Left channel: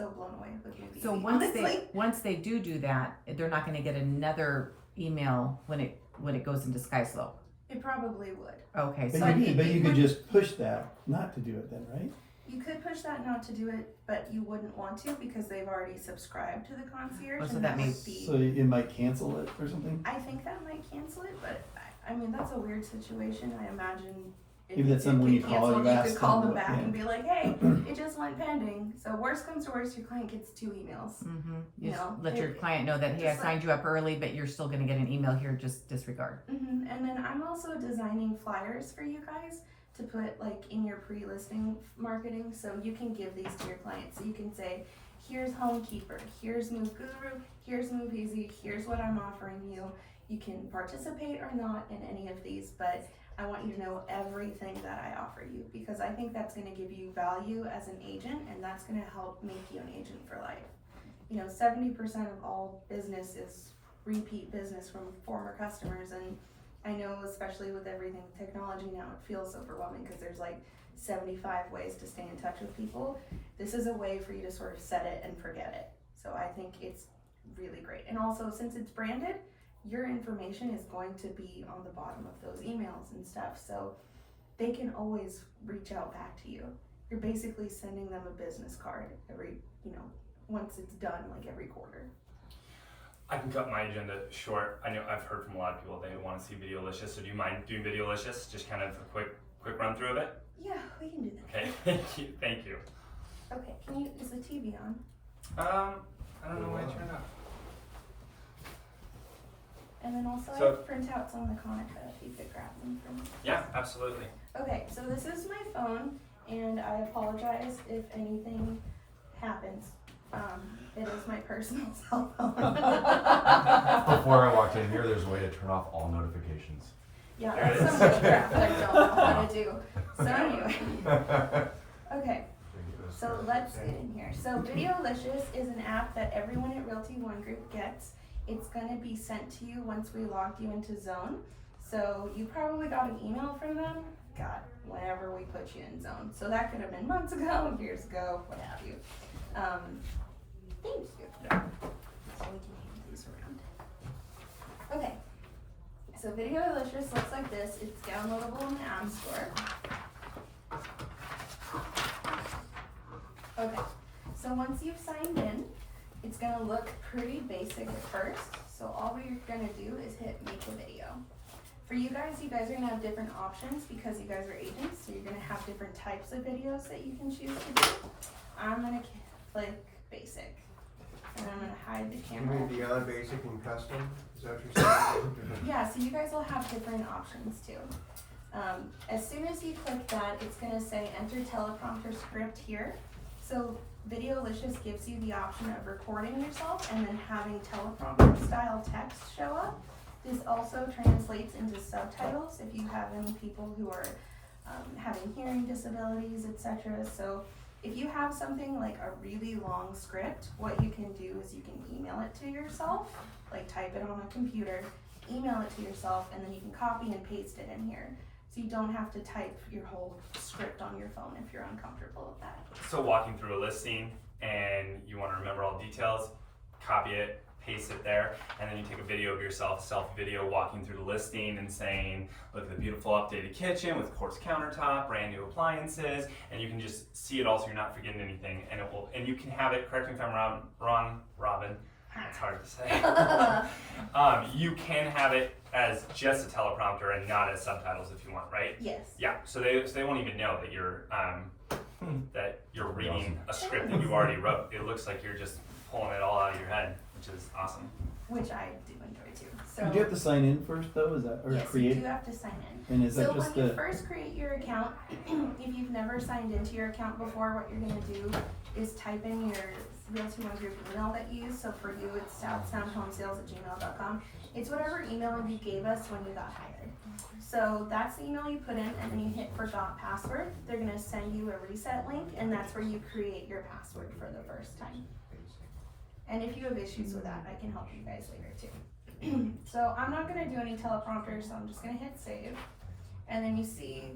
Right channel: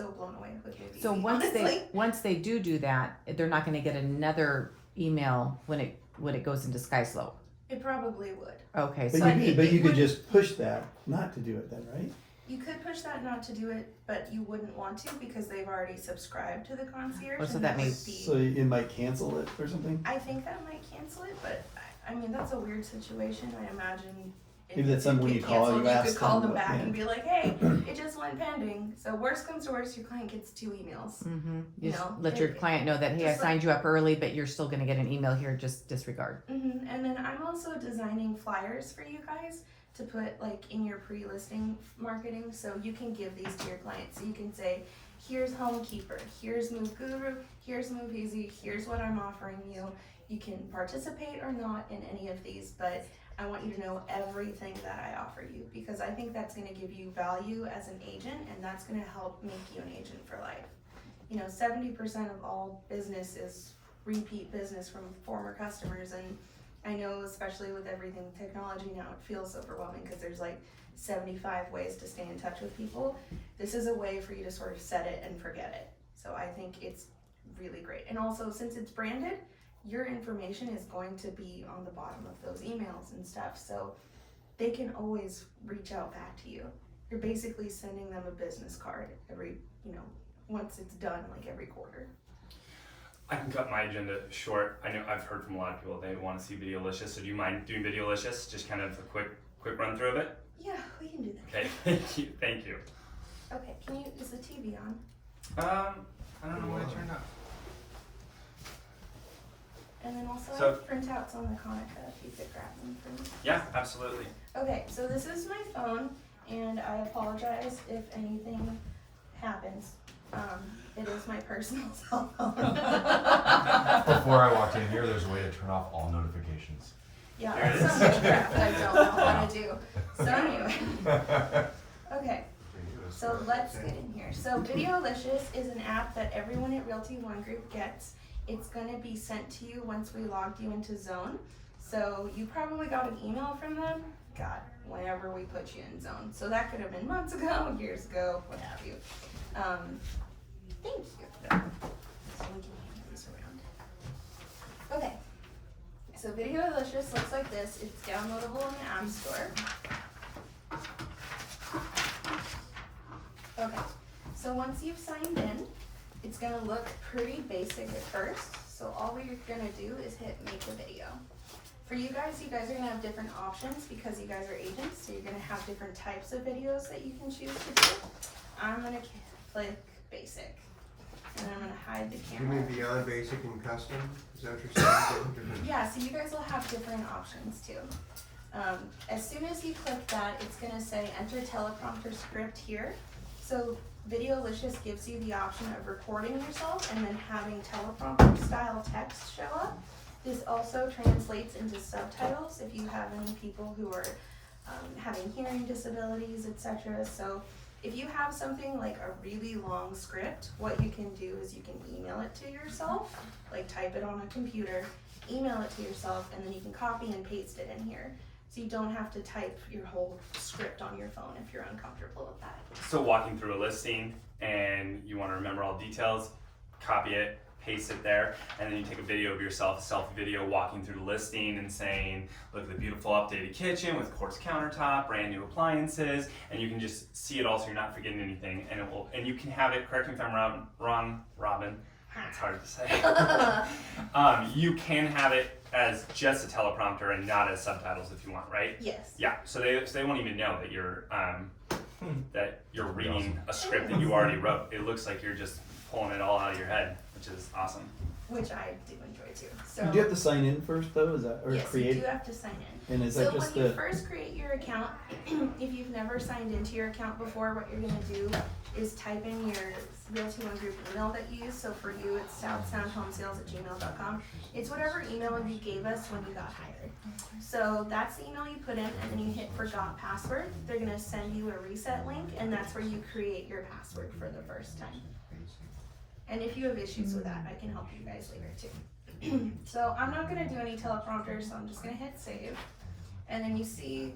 so blown away with Movie. So once they do that, they're not going to get another email when it goes into SkySlope. It probably would. Okay, But so you could just push that not to do it then, right? You could push that not to do it, but you wouldn't want to because they've already subscribed to the concierge. Oh, so and that would means- be, So it might cancel it or something? I think that might cancel it, but I mean, that's a weird situation. I imagine if Maybe that's it something when get you call, canceled, you ask could call them them what- back yeah. and be like, hey, it just went pending. So worst comes to worst, your client gets 2 emails. you just No, let your it- client know that, hey, I just signed you up early, but you're still going to get an email here, just disregard. And then I'm also designing flyers for you guys to put like in your pre-listing marketing, so you can give these to your clients. So you can say, here's Homekeeper, here's Move Guru, here's Move Easy, here's what I'm offering you. You can participate or not in any of these, but I want you to know everything that I offer you, because I think that's going to give you value as an agent, and that's going to help make you an agent for life. 70% of all business is repeat business from former customers, and I know, especially with everything technology now, it feels overwhelming because there's like 75 ways to stay in touch with people. This is a way for you to sort of set it and forget it. So I think it's really great. And also, since it's branded, your information is going to be on the bottom of those emails and stuff. So they can always reach out back to you. You're basically sending them a business card every, once it's done, like every quarter. I can cut my agenda short. I know I've heard from a lot of people they want to see Videolicious. So do you mind doing Videolicious? Just kind of a quick run through of it. Yeah, we can do that. Okay, thank you. Okay, is the TV on? I don't know why it turned on. And then also So- I have printouts on the Conica if you could grab them for me. Yeah, absolutely. Okay, so this is my phone, and I apologize if anything happens. It is my personal cell phone. Before I walked in here, there's a way to turn off all notifications. Yeah, There it that's is. some good crap that I don't know how to do. So anyway, okay. So let's get in here. So Videolicious is an app that everyone at Realty One Group gets. It's gonna be sent to you once we logged you into Zone. So you probably got an email from them, whenever we put you in Zone. So that could have been months ago, years ago, what have you. Thank you. So we can hand these around. Okay. So Videolicious looks like this. It's downloadable in the App Store. Okay, so once you've signed in, it's gonna look pretty basic at first. So all we're gonna do is hit make a video. For you guys are gonna have different options because you guys are agents, so you're gonna have different types of videos that you can choose to do. I'm gonna click basic, and then I'm gonna hide the You camera. mean beyond basic and custom? Is that what you're saying? Different- Yeah, so you guys will have different options too. As soon as you click that, it's gonna say enter teleprompter script here. So Videolicious gives you the option of recording yourself and then having teleprompter style text show up. This also translates into subtitles if you have any people who are having hearing disabilities, etc. So if you have something like a really long script, what you can do is you can email it to yourself, like type it on a computer, email it to yourself, and then you can copy and paste it in here. So you don't have to type your whole script on your phone if you're uncomfortable with that. So walking through a listing and you want to remember all the details, copy it, paste it there, and then you take a video of yourself, a selfie video walking through the listing and saying, look at the beautiful updated kitchen with quartz countertop, brand new appliances, and you can just see it all so you're not forgetting anything, and you can have it, correct me if I'm wrong, Robin, that's hard to say. You can have it as just a teleprompter and not as subtitles if you want, right? Yes. Yeah, so they won't even know that you're reading a script that you already wrote. It looks like you're just pulling it all out of your head, which is awesome. Which I do enjoy too. So You do have to sign in first though, is that, or yes, create? you do have to sign in. And is So that just when you the, first create your account, if you've never signed into your account before, what you're gonna do is type in your Realty One Group email that you use. So for you, it's southsoundhomesales@gmail.com. It's whatever email you gave us when you got hired. So that's the email you put in, and then you hit forgot password. They're gonna send you a reset link, and that's where you create your password for the first time. And if you have issues with that, I can help you guys later too. So I'm not gonna do any teleprompter, so I'm just gonna hit save. And then you see,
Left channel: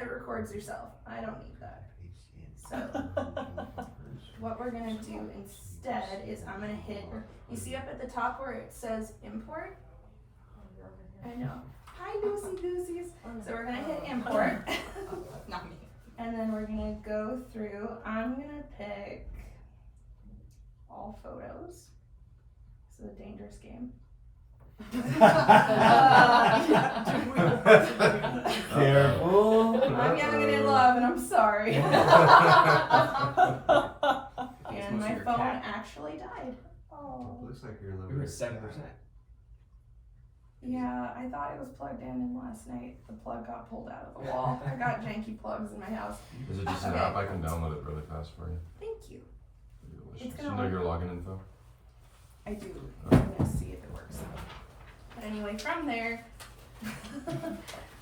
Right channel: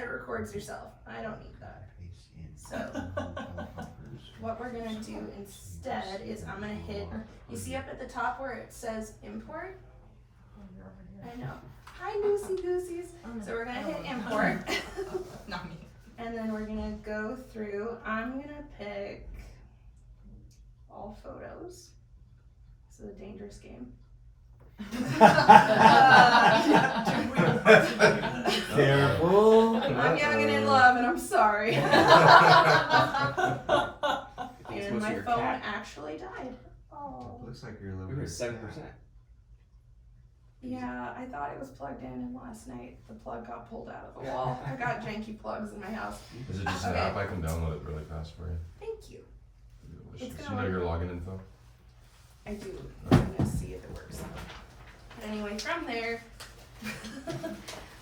it records yourself. I don't need that. So what we're gonna do instead is I'm gonna hit, you see up at the top where it says import? I know. Hi, Lucy Goosies. So we're gonna hit import. Not me. And then we're gonna go through, I'm gonna pick all photos. This is a dangerous game. Careful. I'm giving it in love and I'm sorry. It's And mostly my your phone cat. actually died. Oh. Looks like you're a little We were bit. 7%. Yeah, I thought it was plugged in and last night the plug got pulled out of the wall. I got janky plugs in my house. Is it just an Okay. app? I can download it really fast for you. Thank you. Delicious. It's You gonna know your work. login info? I do. I'm gonna see if it works. But anyway, from there,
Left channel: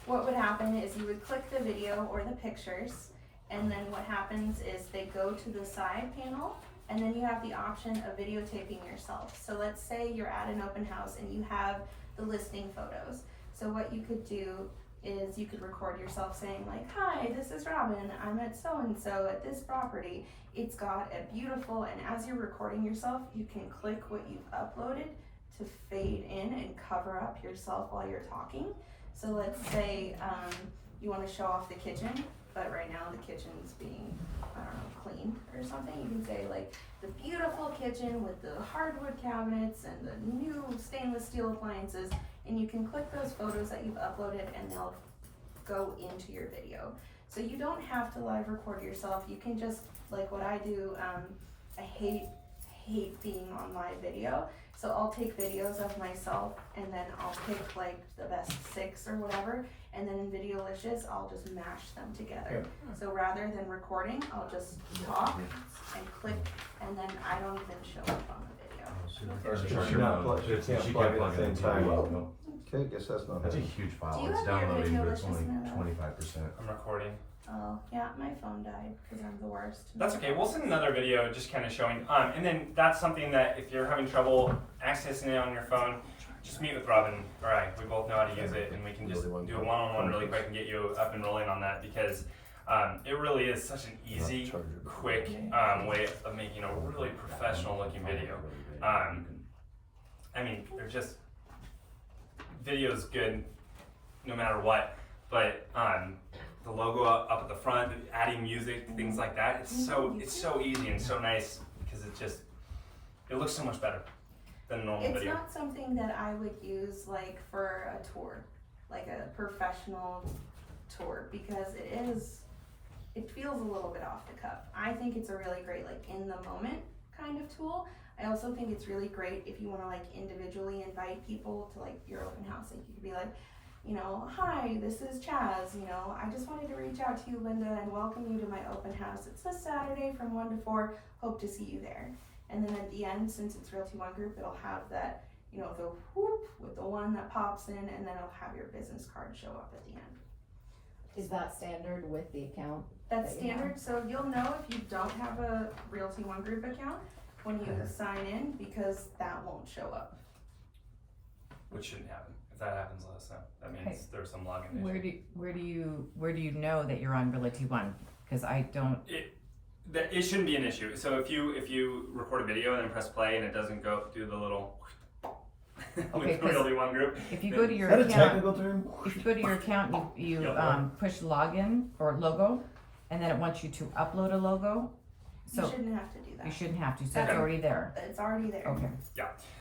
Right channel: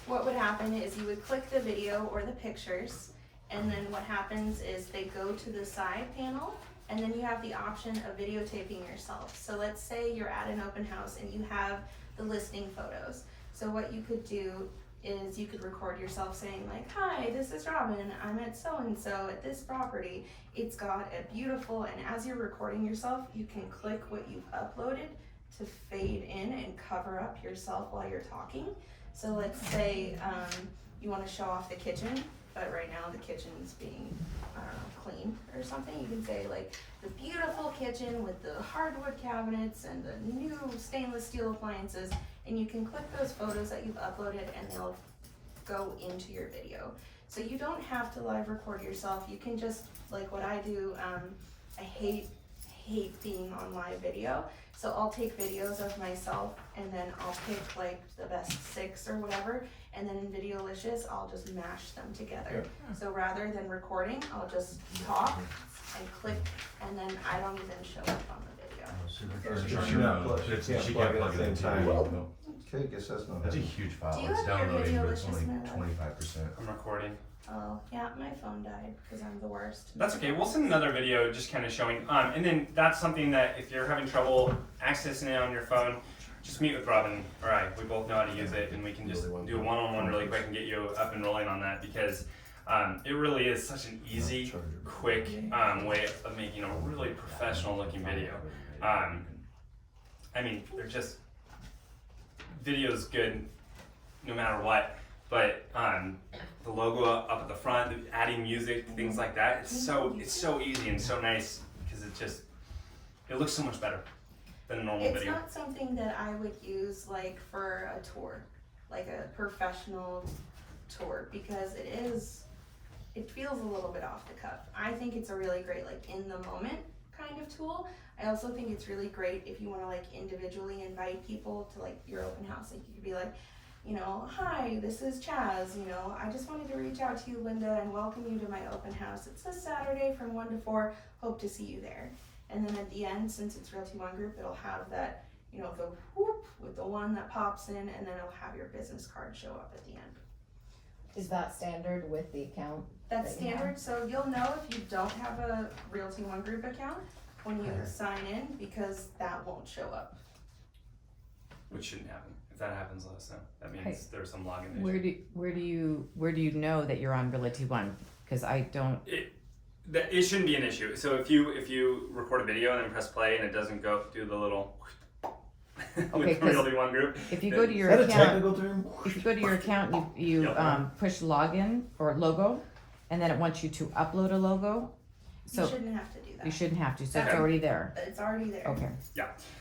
what would happen is you would click the video or the pictures, and then what happens is they go to the side panel, and then you have the option of videotaping yourself. So let's say you're at an open house and you have the listing photos. So what you could do is you could record yourself saying like, hi, this is Robin, I'm at so-and-so at this property. It's got a beautiful, and as you're recording yourself, you can click what you've uploaded to fade in and cover up yourself while you're talking. So let's say you want to show off the kitchen, but right now the kitchen's being cleaned or something. You can say like the beautiful kitchen with the hardwood cabinets and the new stainless steel appliances, and you can click those photos that you've uploaded and they'll go into your video. So you don't have to live record yourself. You can just, like what I do, I hate being on live video. So I'll take videos of myself and then I'll pick like the best 6 or whatever, and then in Videolicious I'll just mash them together. So rather than recording, I'll just talk and click, and then I don't even show up on the video. Or She charge can't your phone. plug- she She can't can't plug it plug at it the into same your time. no. Okay, guess that's not That's a bad. huge file. Do you It's have your downloading, but it's Videolicious only now? 25%. I'm recording. Oh, yeah, my phone died because I'm the worst. That's okay. We'll send another video just kind of showing. And then that's something that if you're having trouble accessing it on your phone, just meet with Robin or I. We both know how to use it, and we can just do a one-on-one really quick and get you up and rolling on that, because it really is such an easy, quick way of making a really professional-looking video. I mean, they're just video's good no matter what, but the logo up at the front, adding music, things like that. It's so easy and so nice because it looks so much better than a normal It's video. not something that I would use like for a tour, like a professional tour, because it feels a little bit off the cuff. I think it's a really great like in the moment kind of tool. I also think it's really great if you want to like individually invite people to like your open house. Like you could be like, you know, hi, this is Chaz, you know, I just wanted to reach out to you, Linda, and welcome you to my open house. It's this Saturday from 1 to 4, hope to see you there. And then at the end, since it's Realty One Group, it'll have that, you know, the whoop with the one that pops in, and then it'll have your business card show up at the end. Is that standard with the account? That's That you have. standard, so you'll know if you don't have a Realty One Group account when you sign in, because that won't show up. Which shouldn't happen. If that happens, let us know. That means Okay. there's some login issue. Where do you know that you're on Realty One? Because I don't. It shouldn't be an issue. So if you record a video and then press play and it doesn't go do the little Okay, with 'cause Realty One Group, If you go to Is your that a account, technical term? if you go to your account, you Yep. push login or logo, and then it wants you to upload a logo. You So shouldn't have to do that. you shouldn't have to. So Okay. it's already there. But it's already there. Okay.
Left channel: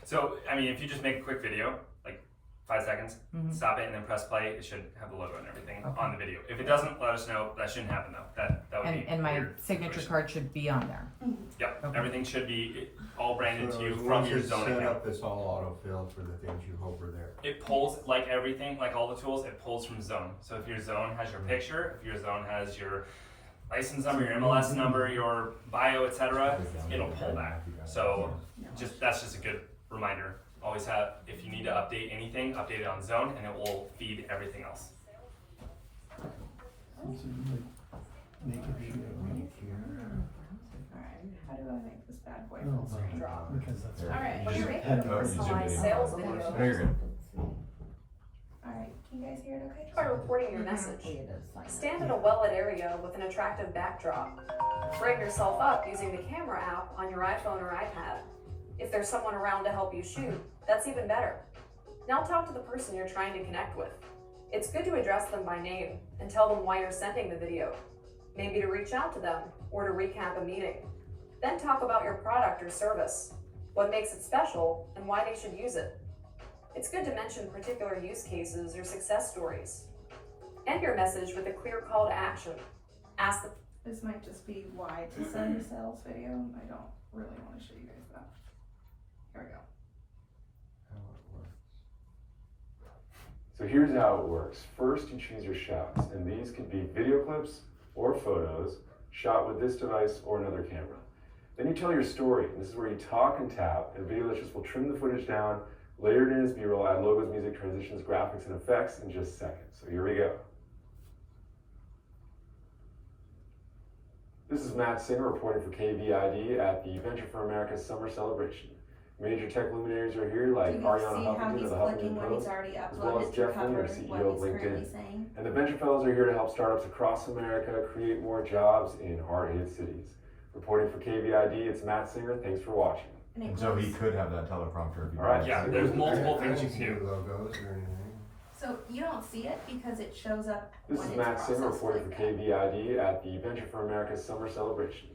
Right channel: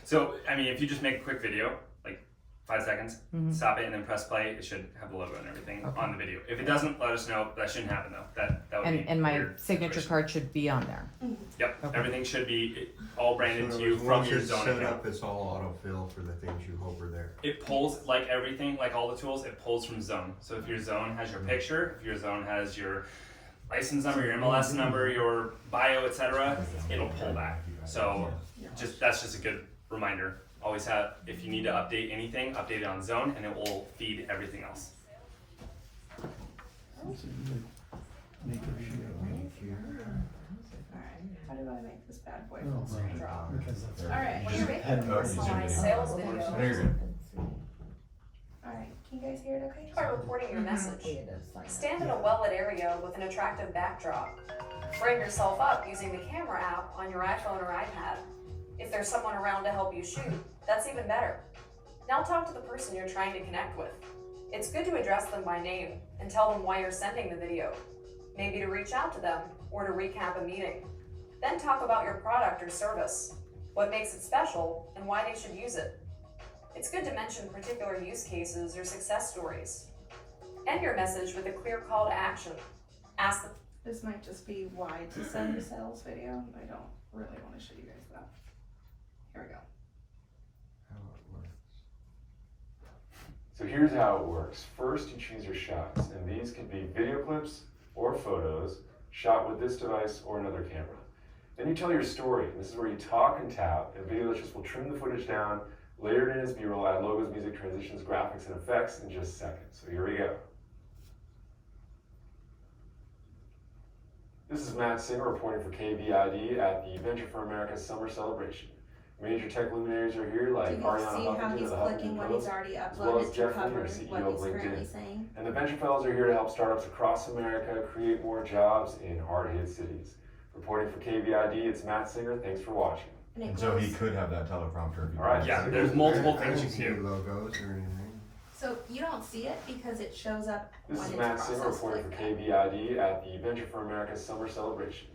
So I mean, if you just make a quick video, like 5 seconds, Mhm. stop it and then press play, it should have the logo and everything Okay. on the video. If it doesn't, let us know. That shouldn't happen though. That would be And my weird signature situation. card should be on there. Yep. Okay. Everything should be all branded So to you from once your it's zone set account. up, it's all auto-fill for the things you hope are there. It pulls like everything, like all the tools. It pulls from zone. So if your zone has your picture, if your zone has your license number, your MLS number, your bio, etc., it'll pull that. So that's just a good reminder. Always have, if you need to update anything, update it on zone, and it will feed everything else. Make it Alright, how do I make this bad boy No, full screen? because that's. Alright, You just you're head over to Zoom personalized video. sales No, video. you're good. Alright, can you guys hear it okay? By reporting your message. Stand in a well-lit area with an attractive backdrop. Bring yourself up using the camera app on your iPhone or iPad. If there's someone around to help you shoot, that's even better. Now talk to the person you're trying to connect with. It's good to address them by name and tell them why you're sending the video. Maybe to reach out to them or to recap a meeting. Then talk about your product or service, what makes it special, and why they should use it. It's good to mention particular use cases or success stories. End your message with a clear call to action. Ask the This might just be why to send a sales video. I don't really want to show you guys that. Here we go. So here's how it works. First, you choose your shots, and these could be video clips or photos shot with this device or another camera. Then you tell your story. This is where you talk and tap, and Videolicious will trim the footage down, layer it in as B-roll, add logos, music, transitions, graphics, and effects in just seconds. So here we go. This is Matt Singer reporting for KVID at the Venture for America Summer Celebration. Major tech luminaries are here like Do you Ariana see how Huffington he's of the clicking Huffington when he's Post, already as well as uploaded to Jeff cover Linder, what CEO he's of currently LinkedIn. saying? And the Venture Fellows are here to help startups across America create more jobs in hard-hit cities. Reporting for KVID, it's Matt Singer. Thanks for watching. And so he could have that teleprompter if he All right. wanted Yeah, to. there's multiple I things don't you see can any do. logos or anything. So you don't see it because it shows up This when is it's Matt Singer processed reporting like for that. KVID at the Venture for America Summer Celebration.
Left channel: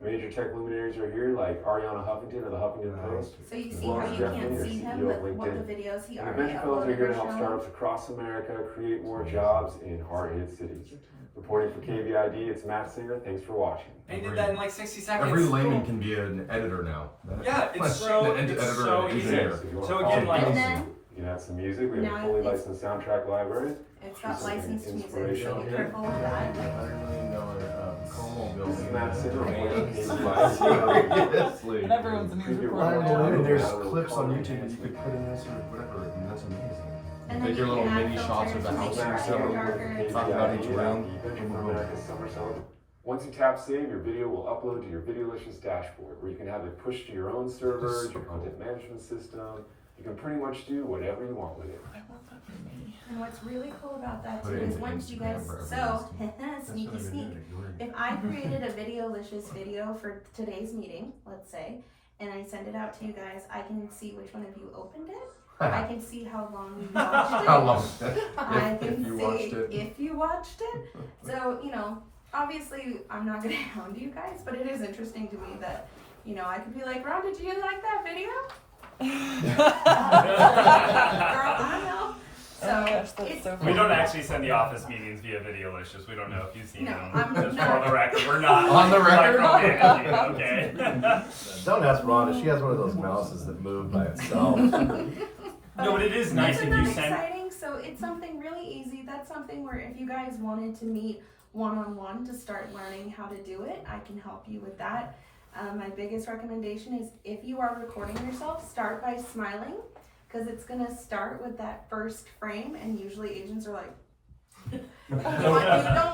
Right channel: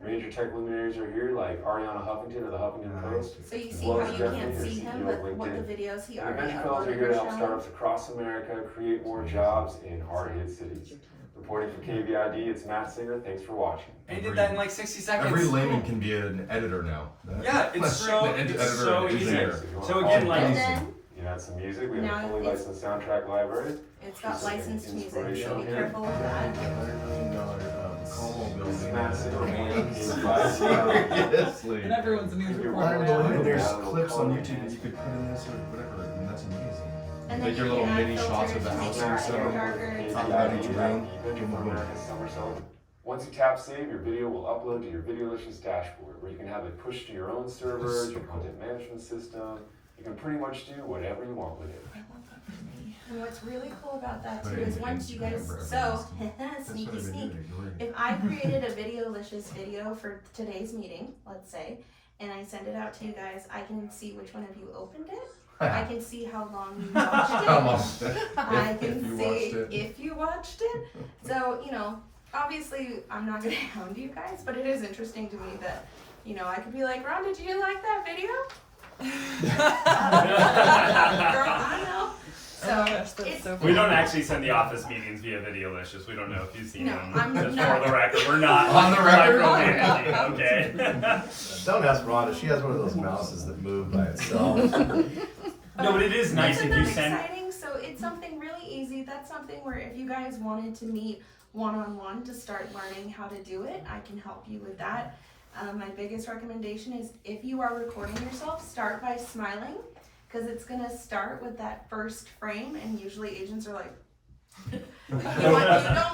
Major tech luminaries are here like Ariana Huffington of the Huffington Post. So you as see well how as you Jeff can't Linder, see him, CEO of but what LinkedIn. the videos he And the already Venture Fellows are here uploaded to are help showing. startups across America create more jobs in hard-hit cities. Reporting for KVID, it's Matt Singer. Thanks for watching. And he did that in like 60 seconds. Every layman can be an editor now. Yeah, it's so, An it's editor so and easy. engineer. So again, like, And then You can add some music. We have Now a fully it's- licensed soundtrack library. it's got Just some licensed music, so inspiration be here. careful of that. $100 million Como building. This is Matt Singer reporting for Seriously. KVID. And everyone's a news Could be reporter. one I more mean, time. there's Add a little clips on color YouTube that enhancement. you could put in this or whatever. I mean, that's amazing. And Take then your you little can add mini shots of filters the to make house your next hair door. darker. Talk about each round. Venture for America Summer Celebration. Once you tap save, your video will upload to your Videolicious dashboard, where you can have it pushed to your own servers, your content management system. You can pretty much do whatever you want with it. And what's really cool about that Put too it is in once you Instagram guys, for so everyone That's sneaky what I've been sneak. doing, ignoring. If I created a Videolicious video for today's meeting, let's say, and I send it out to you guys, I can see which one of you opened it. I can see how long you watched it. How long? I If can you see watched it. if you watched it. So, you know, obviously I'm not gonna hound you guys, but it is interesting to me that, you know, I could be like, Ron, did you like that video? Girl, I know. So, it's, we don't actually send the office meetings via Videolicious. We don't know if you've seen No, them. I'm Just not. for the record, we're not On the record? micromanaging, okay? Don't ask Rhonda, she has one of those mouses that move by itself. No, but it is nice Isn't if you that send. exciting? So it's something really easy. That's something where if you guys wanted to meet one-on-one to start learning how to do it, I can help you with that. My biggest recommendation is if you are recording yourself, start by smiling, because it's gonna start with that first frame, and usually agents are like, you don't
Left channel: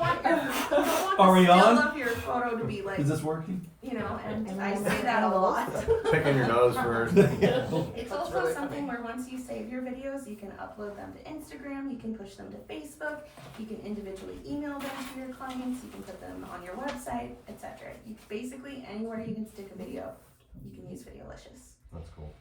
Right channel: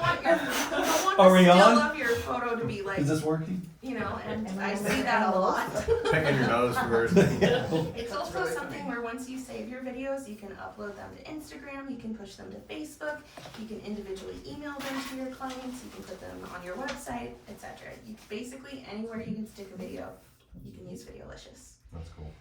want the Are we still on? of your photo to be like, Is this working? you know, and I see that a lot. Picking your nose first. It's also something where once you save your videos, you can upload them to Instagram, you can push them to Facebook, you can individually email them to your clients, you can put them on your website, etc. Basically, anywhere you can stick a video, you can use Videolicious. That's cool.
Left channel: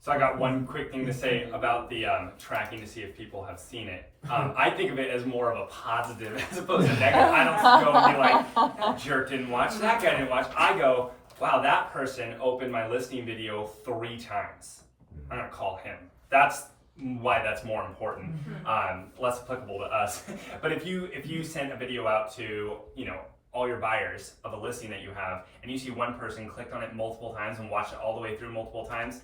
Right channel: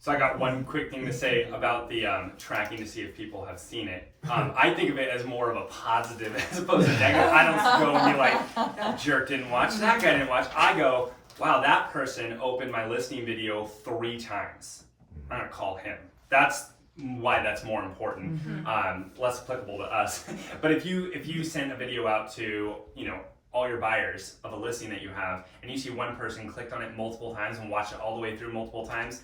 So I got one quick thing to say about the tracking to see if people have seen it. I think of it as more of a positive as opposed to negative. I don't go and be like, that jerk didn't watch, that guy didn't watch. I go, wow, that person opened my listing video 3 times. I'm gonna call him. That's why that's more important, less applicable to us. But if you send a video out to, you know, all your buyers of a listing that you have, and you see one person clicked on it multiple times and watched it all the way through multiple times,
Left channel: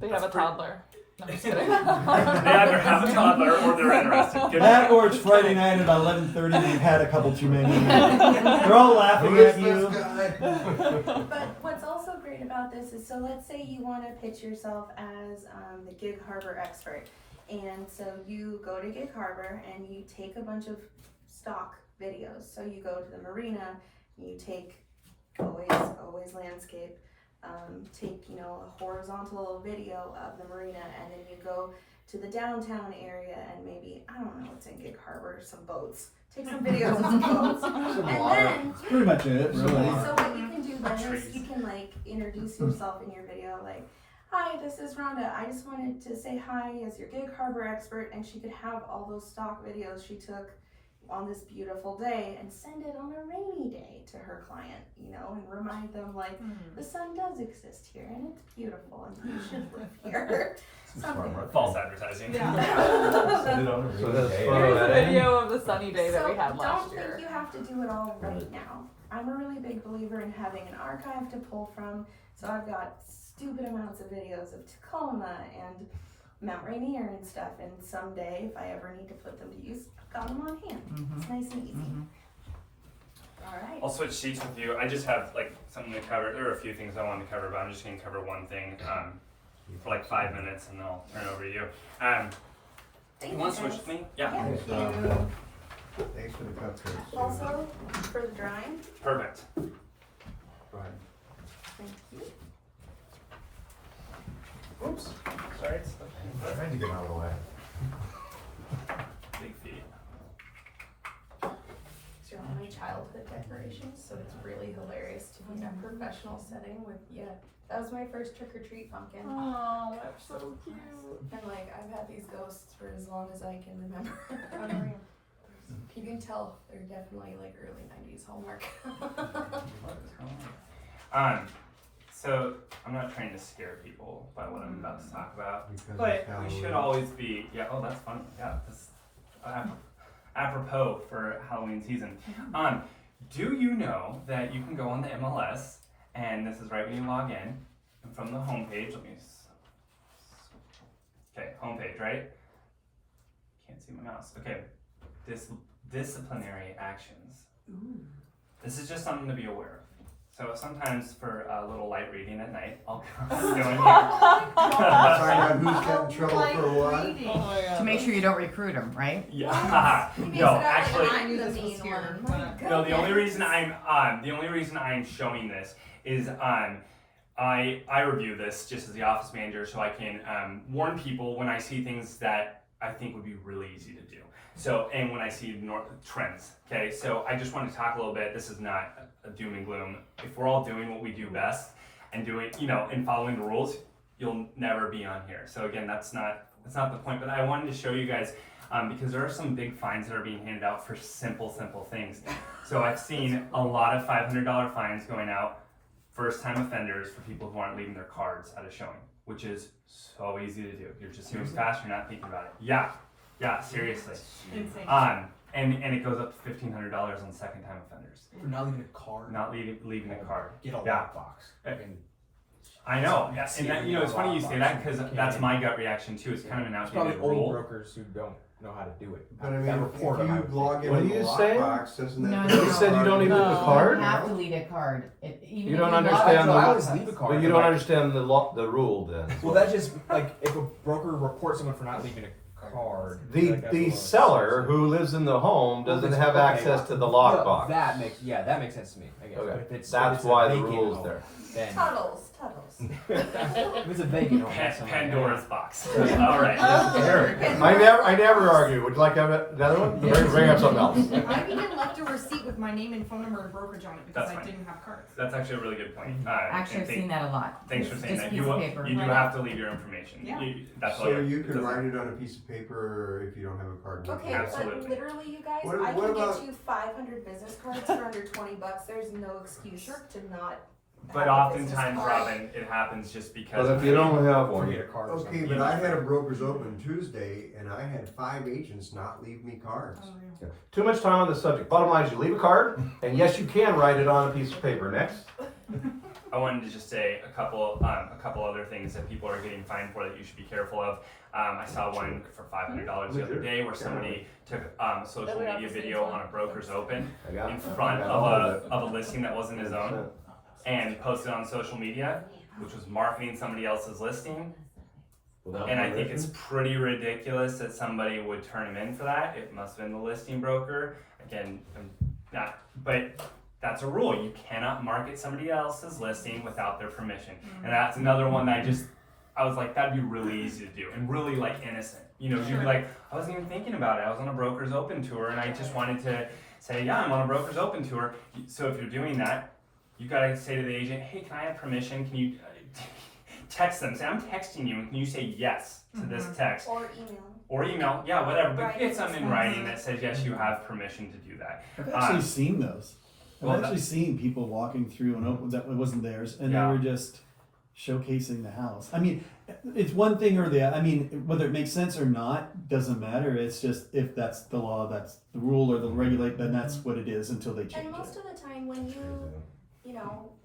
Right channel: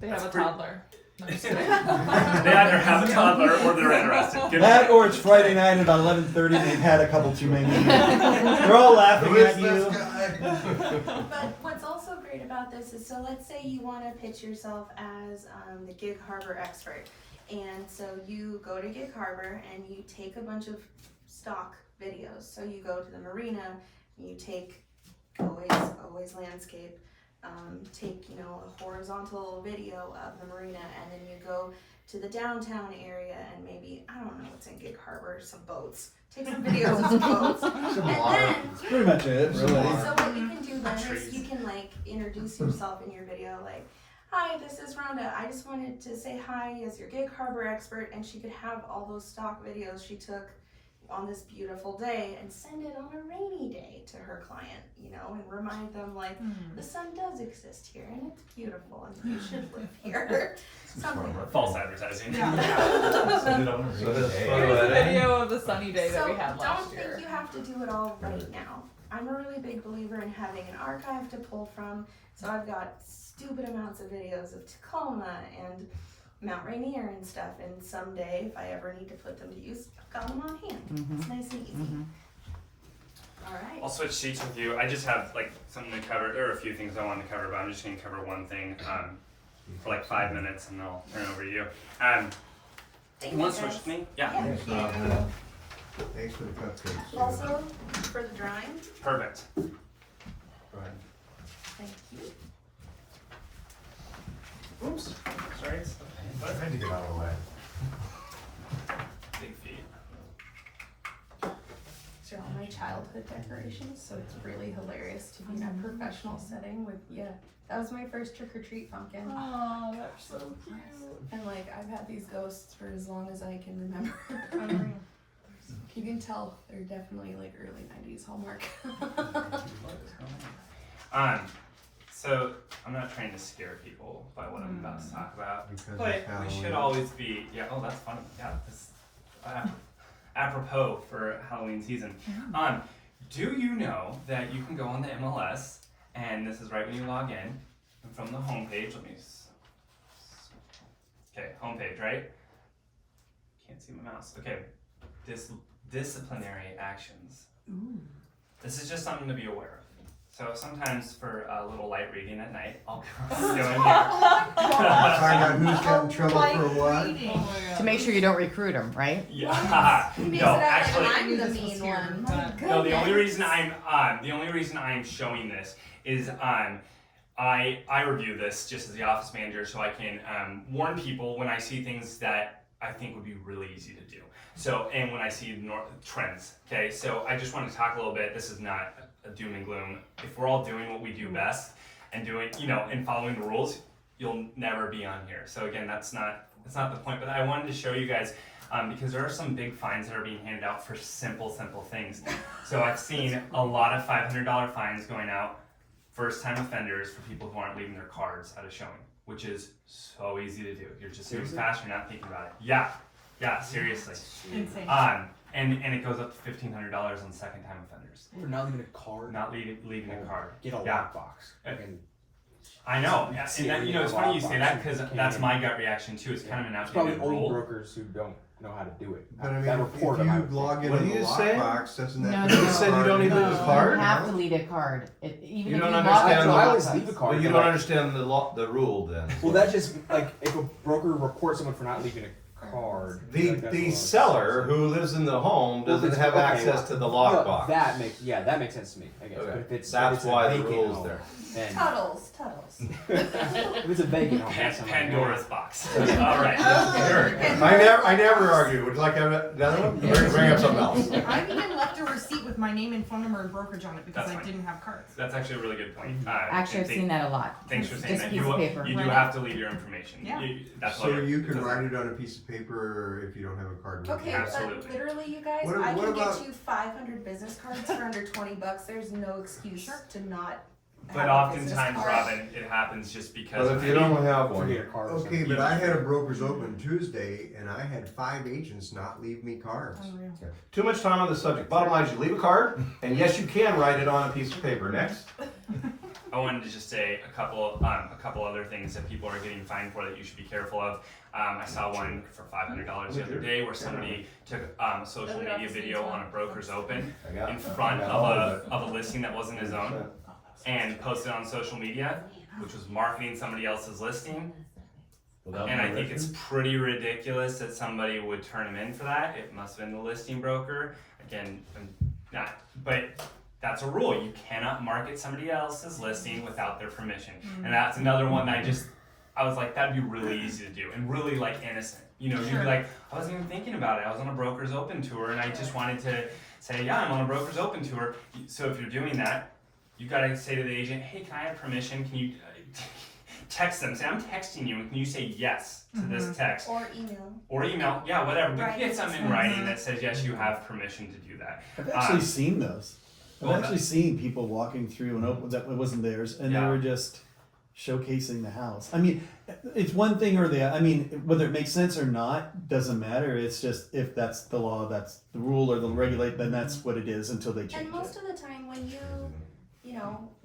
They have a toddler. No, I'm just kidding. they either have a toddler or they're interested. Give That me- or it's Friday night at 11:30 and they've had a couple too many. They're all laughing Who is at you. this guy? But what's also great about this is, so let's say you want to pitch yourself as the Gig Harbor expert. And so you go to Gig Harbor and you take a bunch of stock videos. So you go to the marina, you take always landscape, take, you know, a horizontal video of the marina, and then you go to the downtown area and maybe, I don't know what's in Gig Harbor, some boats. Take some videos of some boats. And then, That's pretty much it, really. so what you can do then is you can like introduce yourself in your video, like, hi, this is Rhonda. I just wanted to say hi as your Gig Harbor expert, and she could have all those stock videos she took on this beautiful day and send it on a rainy day to her client, you know, and remind them like the sun does exist here and it's beautiful and you should live here. Something. False advertising. So this Here's photo a editing. video of the sunny day that So we had last year. don't think you have to do it all right now. I'm a really big believer in having an archive to pull from, so I've got stupid amounts of videos of Tacoma and Mount Rainier and stuff, and someday if I ever need to put them to use, I've got them on hand. It's nice and easy. Alright. I'll switch seats with you. I just have like something to cover. There are a few things I wanted to cover, but I'm just going to cover one thing for like 5 minutes, and then I'll turn it over to you. You want to switch with me? Yeah. Thanks, Rhonda. Thanks for the cupcakes. Also, for the drawing, Perfect. Right. thank you. Oops. Sorry. I tried to get out of the way. Big feet. These are all my childhood decorations, so it's really hilarious to be in a professional setting with, that was my first trick-or-treat pumpkin. Oh, that's so cute. And like, I've had these ghosts for as long as I can remember. You can tell they're definitely like early 90s Hallmark. So I'm not trying to scare people by what I'm about to talk about, Because but it's we should Halloween. always be, oh, that's fun. Yeah, this, apropos for Halloween season. Do you know that you can go on the MLS, and this is right when you log in, and from the homepage, okay, homepage, right? Can't see my mouse. Okay, disciplinary actions. This is just something to be aware of. So sometimes for a little light reading at night, I'll go in here. Talking about who's got in trouble for what? To make sure you don't recruit them, right? Yeah. He makes No, it out actually, like I'm the this was mean here, one. but- My no. The only goodness. reason I'm showing this is I review this just as the office manager, so I can warn people when I see things that I think would be really easy to do. So, and when I see trends, okay? So I just want to talk a little bit. This is not a doom and gloom. If we're all doing what we do best and doing, and following the rules, you'll never be on here. So again, that's not the point. But I wanted to show you guys because there are some big fines that are being handed out for simple things. So I've seen a lot of $500 fines going out, first-time offenders, for people who aren't leaving their cards at a showing, which is so easy to do. You're just doing fast. You're not thinking about it. Yeah, seriously. Insane. And it goes up to $1,500 on second-time offenders. We're not leaving a card. Not leaving a card. Get a Yeah. lockbox. Okay. I know. Yeah. And that, it's funny you say that because that's my gut reaction too. It's kind of an It's probably outdated old rule. brokers who don't know how to do it. But I mean, That if report them, I you would log think. in What in do the you say? lockbox, doesn't No, that? no, You said you don't need No, a card? You have to leave a card. You Even if don't log understand into the I law. always leave a card. But you don't understand the rule then. Well, that just like if a broker reports someone for not leaving a card. like, that's a The little seller excessive. who lives in the home doesn't Well, have okay, access to the well, lockbox. that makes sense to me. I guess. Okay. But if it's That's if it's why a the vacant rule's home, there. then Tuttles. if it's a vacant home, that's something Pandora's box. All right. Eric, I never argue. Would you like to have another one? Bring up something else. I've even left a receight with my name and phone number and brokerage on it because That's I fine. didn't have cards. That's actually a really good point. Actually, I've seen that a lot. Thanks for saying Just that. piece You of paper. do have to leave your information. Yeah. That's all So you're- you it can doesn't- write it on a piece of paper if you don't have a card. Okay, Absolutely. but literally, you guys, What I can about- get you 500 business cards for under $20. There's no excuse to not. But have a business oftentimes, card. Robin, it happens just because. But if you don't have or one, get a card. or Okay, something. but I had a broker's open Tuesday and I had 5 agents not leave me cards. Oh, yeah. too much time on the subject. Bottom line is you leave a card, and yes, you can write it on a piece of paper. Next. I wanted to just say a couple other things that people are getting fined for that you should be careful of. I saw one for $500 the other day where somebody took a social media video on a broker's open I got in it. front I got all of it. a listing that wasn't his own and posted on social media, which was marketing somebody else's listing. Without And I think permission. it's pretty ridiculous that somebody would turn him in for that. It must have been the listing broker. Again, but that's a rule. You cannot market somebody else's listing without their permission. And that's another one that I was like, that'd be really easy to do and really like innocent. You know, you'd be like, I wasn't even thinking about it. I was on a broker's open tour and I just wanted to say, yeah, I'm on a broker's open tour. So if you're doing that, you gotta say to the agent, hey, can I have permission? Can you text them? Say, I'm texting you. And can you say yes to this text? Or email. Or email, yeah, whatever. But Right. get something in writing that says, yes, you have permission to do that. I've actually seen those. I've well, actually seen people walking through and that it wasn't theirs, and Yeah. they were just showcasing the house. I mean, it's one thing or the other. I mean, whether it makes sense or not doesn't matter. It's just if that's the law, that's the rule or the regulate, then that's what it is until they change And most it. of the time when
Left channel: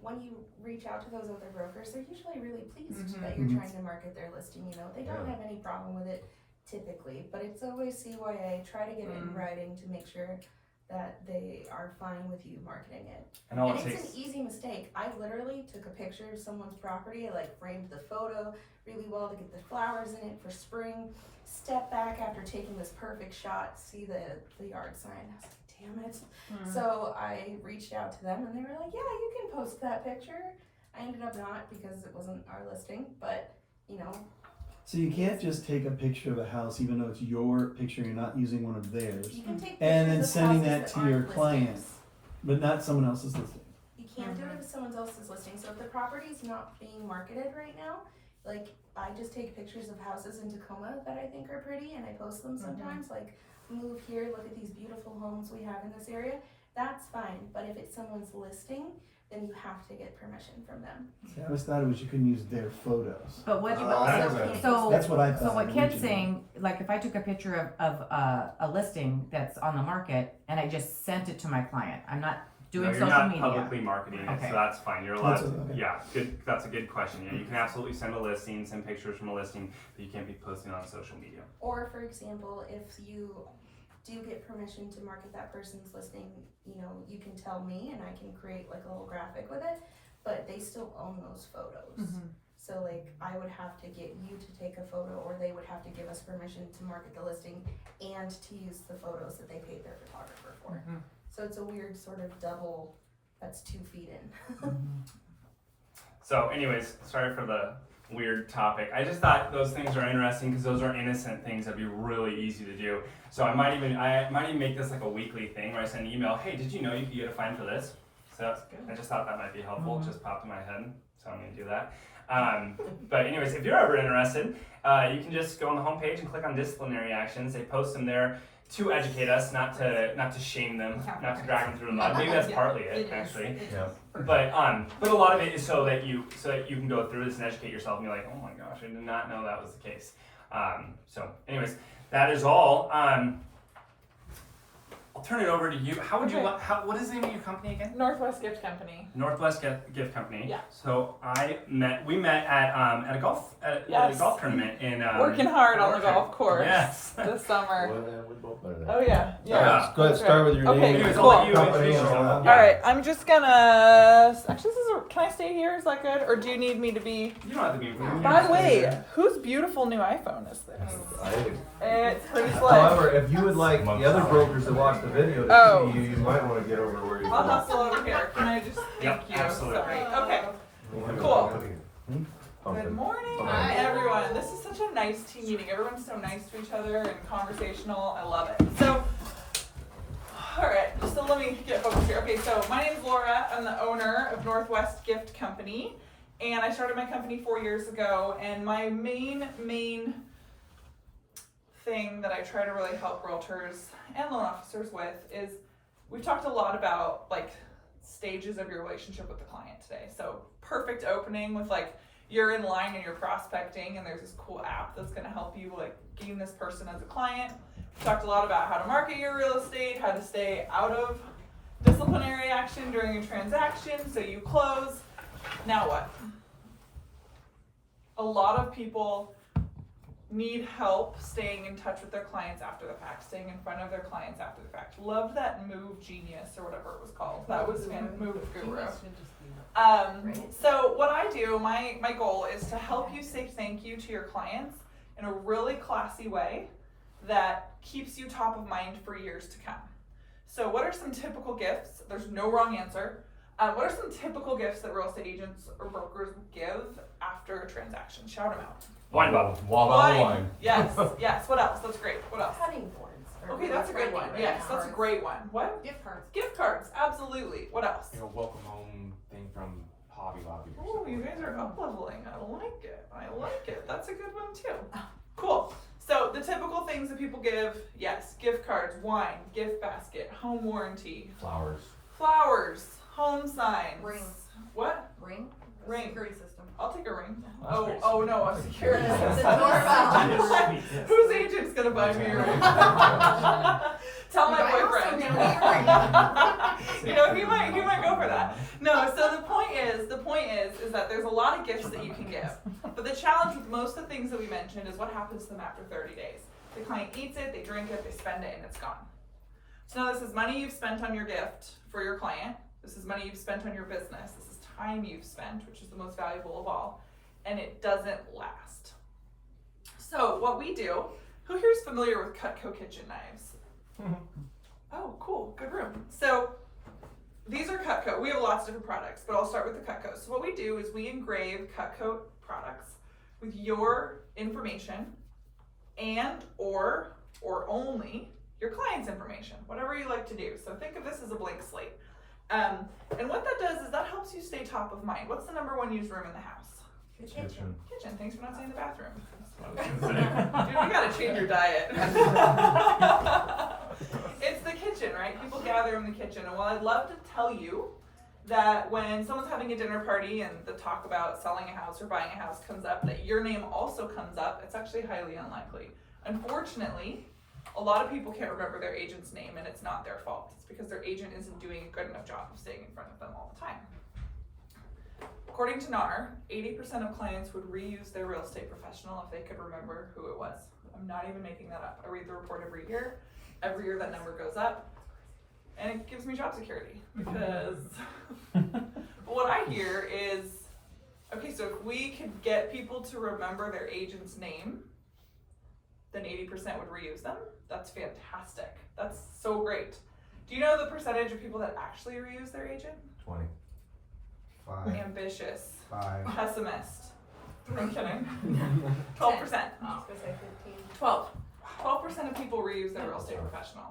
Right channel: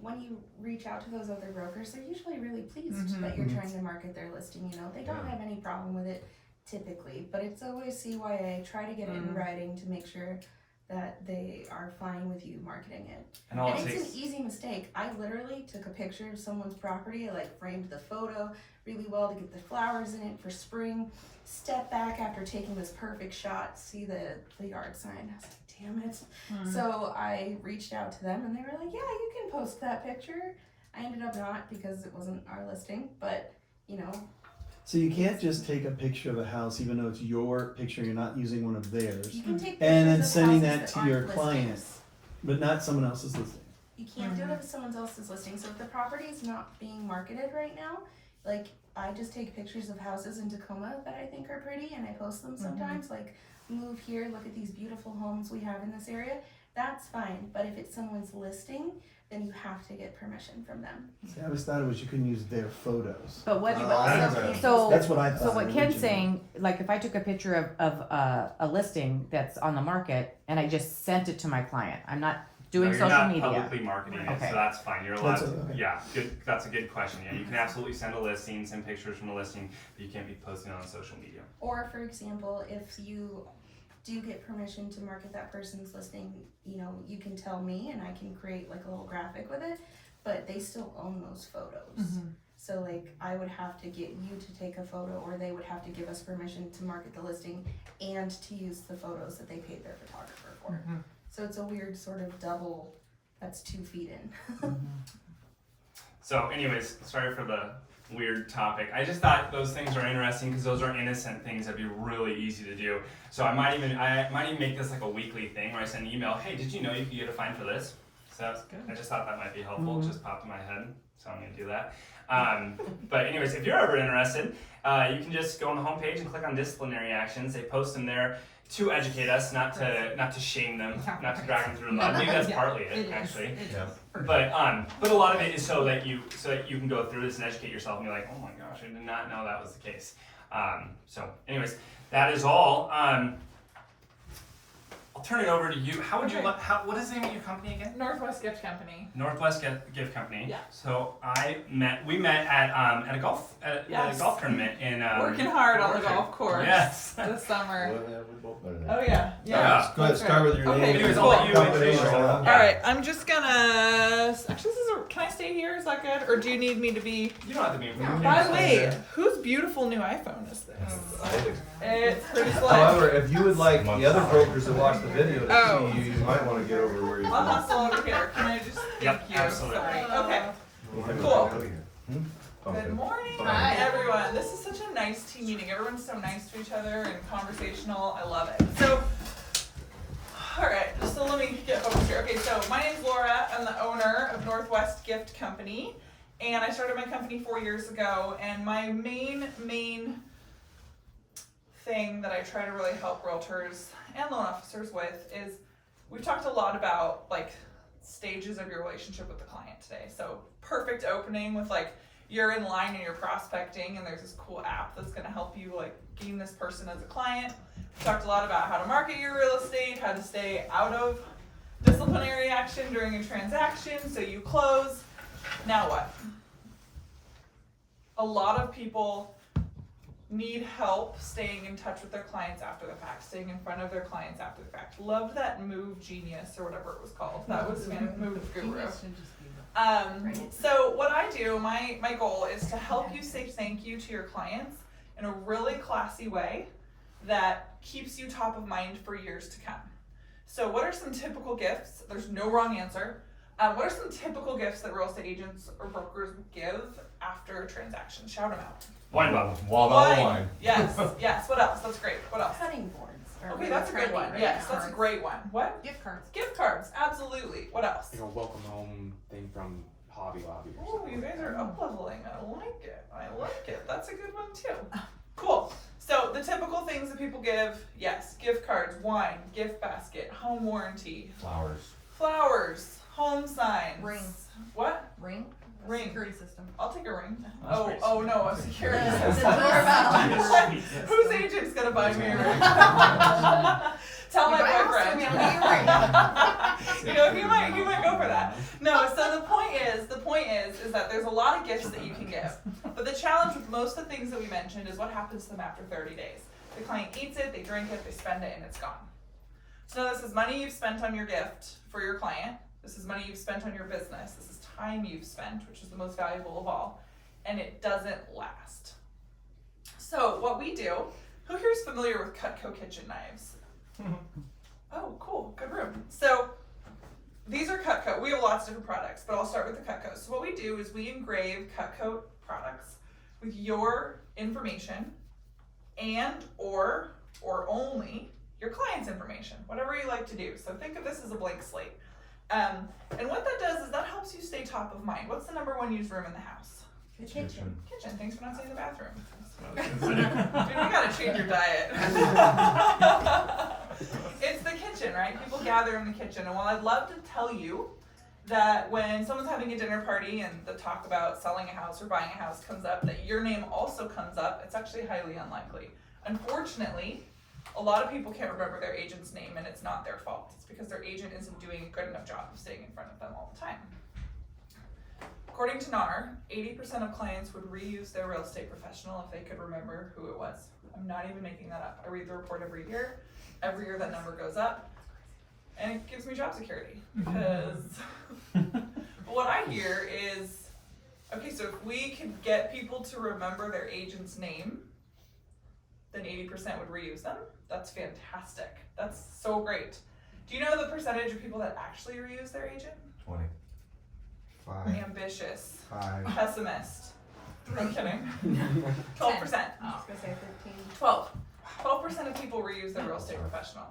when you reach out to those other brokers, they're usually really pleased that you're trying to market their listing. They don't have any problem with it typically, but it's always CYA. Try to get it in writing to make sure that they are fine with you marketing it. And it's an easy mistake. I literally took a picture of someone's property. I framed the photo really well to get the flowers in it for spring. Step back after taking this perfect shot, see the yard sign. I was like, damn it. So I reached out to them and they were like, yeah, you can post that picture. I ended up not because it wasn't our listing, but So you can't just take a picture of a house, even though it's your picture, you're not using one of theirs, you can take and then pictures of sending houses that to aren't your listings. client, but not someone else's listing. You can't do it if someone else's listing. So if the property is not being marketed right now, like I just take pictures of houses in Tacoma that I think are pretty and I post them sometimes. Like, move here, look at these beautiful homes we have in this area. That's fine. But if it's someone's listing, then you have to get permission from them. See, I always thought it was you couldn't use their photos. But what That's what I thought. So what Ken's originally. saying, like if I took a picture of a listing that's on the market and I just sent it to my client, I'm not doing you're social not media. publicly marketing it, Okay. so that's fine. You're allowed That's to, okay. yeah, good. That's a good question. Yeah, you can absolutely send a listing, send pictures from a listing, but you can't be posting on social media. Or for example, if you do get permission to market that person's listing, you can tell me and I can create like a little graphic with it, but they still own those photos. So like I would have to get you to take a photo or they would have to give us permission to market the listing and to use the photos that they paid their photographer for. So it's a weird sort of double, that's 2 feet in. So anyways, sorry for the weird topic. I just thought those things are interesting because those are innocent things that'd be really easy to do. So I might even make this like a weekly thing where I send an email, hey, did you know you could get a fine for this? So I just thought that might be helpful. Just popped in my head, so I'm gonna do that. But anyways, if you're ever interested, you can just go on the homepage and click on disciplinary actions. They post them there to educate us, not to shame them, not to drag them through the mud. Maybe that's partly it, actually. But a lot of it is so that you can go through this and educate yourself and be like, oh my gosh, I did not know that was the case. So anyways, that is all. I'll turn it over to you. How would you what is the name of your company again? Northwest Gift Company. Northwest Gift Company. Yeah. So we met at a golf tournament in working hard on the Orchard. golf course. Yes. This summer. We both better than Oh yeah. Yeah. Go ahead, start with your Okay, name. Anyways, and I'll let you company introduce and yourself. all. All right, I'm just gonna. Actually, can I stay here? Is that good, or do you need me to be? You don't have to be. By the way, whose beautiful new iPhone is this? It's pretty slick. However, if you would like the other brokers to watch the video to Oh. see you, you might want to get over where you're I'll hustle over here. Can I just? Yep, Thank you. absolutely. Sorry. Okay. Cool. Good morning. Hi everyone. This is such a nice team meeting. Everyone's so nice to each other and conversational. I love it. So, alright, so let me get focused here. Okay, so my name's Laura. I'm the owner of Northwest Gift Company. And I started my company 4 years ago. And my main thing that I try to really help realtors and loan officers with is we've talked a lot about like stages of your relationship with the client today. So perfect opening with like you're in line and you're prospecting and there's this cool app that's going to help you like gain this person as a client. We talked a lot about how to market your real estate, how to stay out of disciplinary action during a transaction so you close. Now what? A lot of people need help staying in touch with their clients after the fact, staying in front of their clients after the fact. Loved that Move Genius or whatever it was called. That was Move Guru. So what I do, my goal is to help you say thank you to your clients in a really classy way that keeps you top of mind for years to come. So what are some typical gifts? There's no wrong answer, What are some typical gifts that real estate agents or brokers give after a transaction? Shout them out. Wine bottle. Wine. Yes, yes. What else? That's great. What else? Cutting boards. are Okay, really that's a good trendy one. right Yes, now. that's a great one. What? Gift cards. Gift cards. Absolutely. What else? You know, welcome home thing from Hobby Lobby or Oh, something. you guys are up leveling. I like it. I like it. That's a good one too. Cool. So the typical things that people give, yes, gift cards, wine, gift basket, home warranty, flowers, home signs. Ring. What? Ring. Ring. Security system. I'll take a ring. That's Oh, great. oh no, a security It's system. a doorbell. Whose agent's gonna buy me a ring? Tell my boyfriend. You know, he might go for that. No, so the point is that there's a lot of gifts that you can give. But the challenge with most of the things that we mentioned is what happens to them after 30 days. The client eats it, they drink it, they spend it, and it's gone. So now this is money you've spent on your gift for your client. This is money you've spent on your business. This is time you've spent, which is the most valuable of all. And it doesn't last. So what we do, who here is familiar with Cutco kitchen knives? Oh, cool, good room. So these are Cutco. We have lots of different products, but I'll start with the Cutco. So what we do is we engrave Cutco products with your information and or only your client's information, whatever you like to do. So think of this as a blank slate. And what that does is that helps you stay top of mind. What's the number one used room in the house? The kitchen. Kitchen. Thanks for not saying the bathroom. Dude, we gotta change your diet. It's the kitchen, right? People gather in the kitchen. And while I'd love to tell you that when someone's having a dinner party and the talk about selling a house or buying a house comes up, that your name also comes up, it's actually highly unlikely. Unfortunately, a lot of people can't remember their agent's name, and it's not their fault. It's because their agent isn't doing a good enough job of staying in front of them all the time. According to NAR, 80% of clients would reuse their real estate professional if they could remember who it was. I'm not even making that up. I read the report every year. Every year that number goes up, and it gives me job security because what I hear is, okay, so if we could get people to remember their agent's name, then 80% would reuse them. That's fantastic. That's so great. Do you know the percentage of people that actually reuse their agent? 20. 5. Ambitious. 5. Pessimist. I'm kidding. 12%. I was gonna say 15. 12% of people reuse their real estate professional.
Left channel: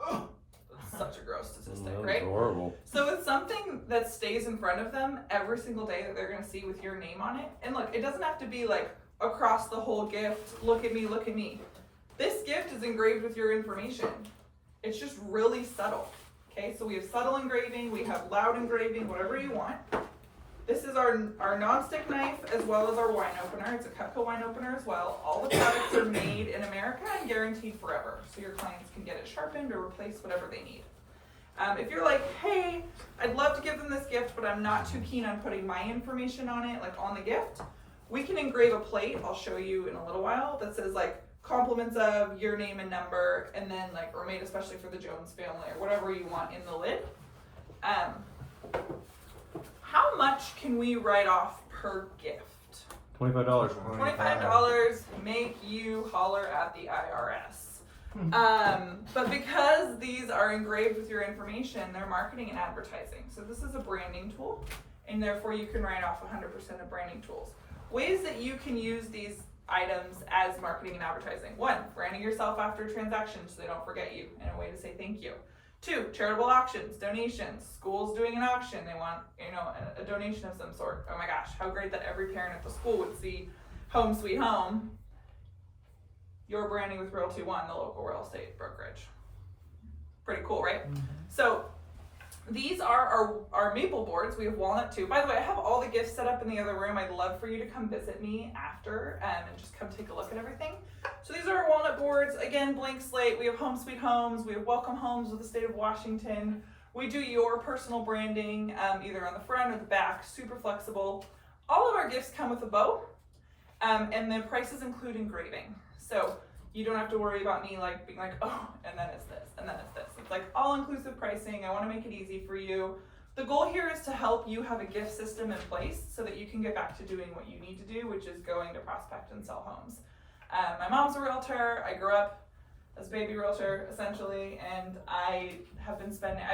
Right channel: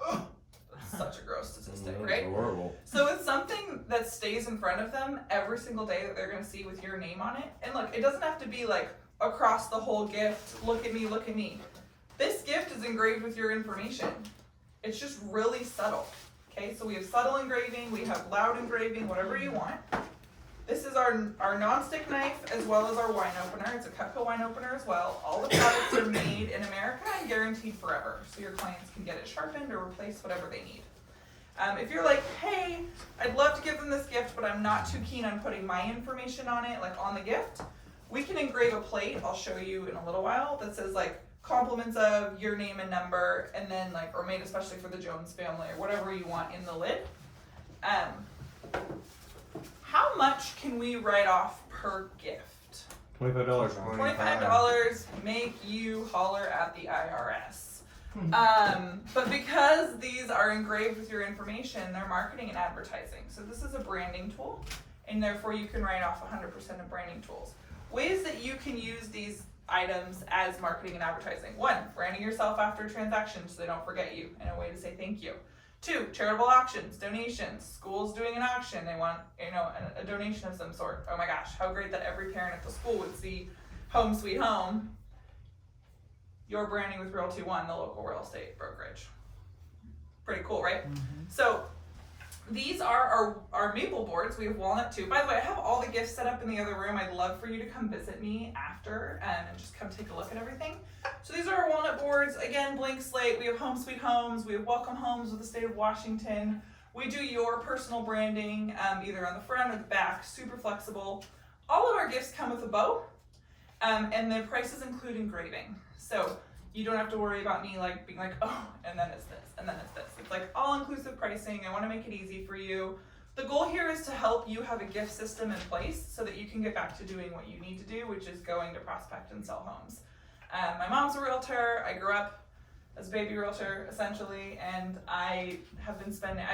That's such a gross statistic, right? Horrible. So it's something that stays in front of them every single day that they're gonna see with your name on it. And look, it doesn't have to be like across the whole gift, look at me, look at me. This gift is engraved with your information. It's just really subtle. Okay, so we have subtle engraving, we have loud engraving, whatever you want. This is our non-stick knife as well as our wine opener. It's a Cutco wine opener as well. All the products are made in America and guaranteed forever. So your clients can get it sharpened or replaced, whatever they need. If you're like, hey, I'd love to give them this gift, but I'm not too keen on putting my information on it, like on the gift, we can engrave a plate, I'll show you in a little while, that says like compliments of your name and number, and then like, or made especially for the Jones family or whatever you want in the lid. How much can we write off per gift? $25. $25 make you holler at the IRS. But because these are engraved with your information, they're marketing and advertising. So this is a branding tool, and therefore you can write off 100% of branding tools. Ways that you can use these items as marketing and advertising. 1, branding yourself after transactions so they don't forget you, and a way to say thank you. 2, charitable auctions, donations. School's doing an auction, they want, a donation of some sort. Oh my gosh, how great that every parent at the school would see Home Sweet Home. You're branding with Realty One, the local real estate brokerage. Pretty cool, right? So these are our maple boards. We have walnut too. By the way, I have all the gifts set up in the other room. I'd love for you to come visit me after and just come take a look at everything. So these are our walnut boards. Again, blank slate. We have Home Sweet Homes. We have Welcome Homes with the state of Washington. We do your personal branding, either on the front or the back, super flexible. All of our gifts come with a bow, and the prices include engraving. So you don't have to worry about me like being like, oh, and then it's this, and then it's this. It's like all-inclusive pricing. I want to make it easy for you. The goal here is to help you have a gift system in place so that you can get back to doing what you need to do, which is going to prospect and sell homes. My mom's a realtor. I grew up as a baby realtor, essentially, and I have been spending,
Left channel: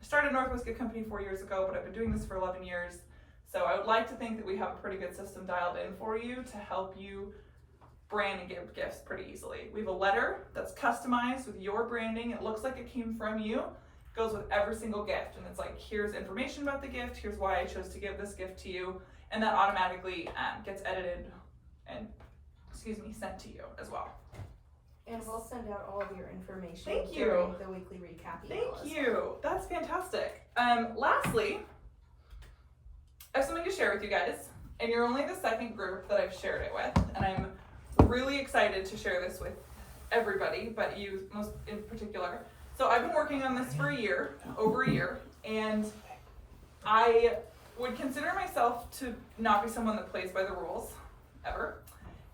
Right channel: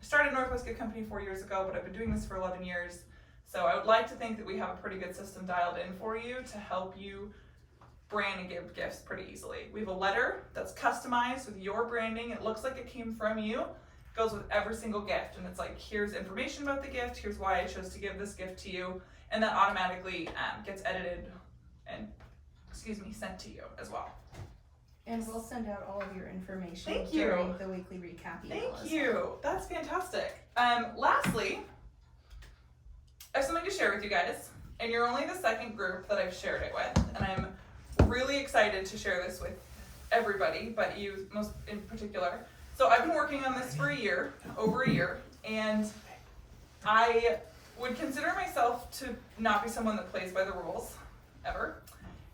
I started Northwest Gift Company 4 years ago, but I've been doing this for 11 years. So I would like to think that we have a pretty good system dialed in for you to help you brand and give gifts pretty easily. We have a letter that's customized with your branding. It looks like it came from you. It goes with every single gift, and it's like, here's information about the gift, here's why I chose to give this gift to you, and that automatically gets edited and, sent to you as well. And we'll send out all of your information Thank you. during the weekly recap email. Thank you. That's fantastic. Lastly, I have something to share with you guys, and you're only the second group that I've shared it with, and I'm really excited to share this with everybody, but you most in particular. So I've been working on this for over a year, and I would consider myself to not be someone that plays by the rules, ever.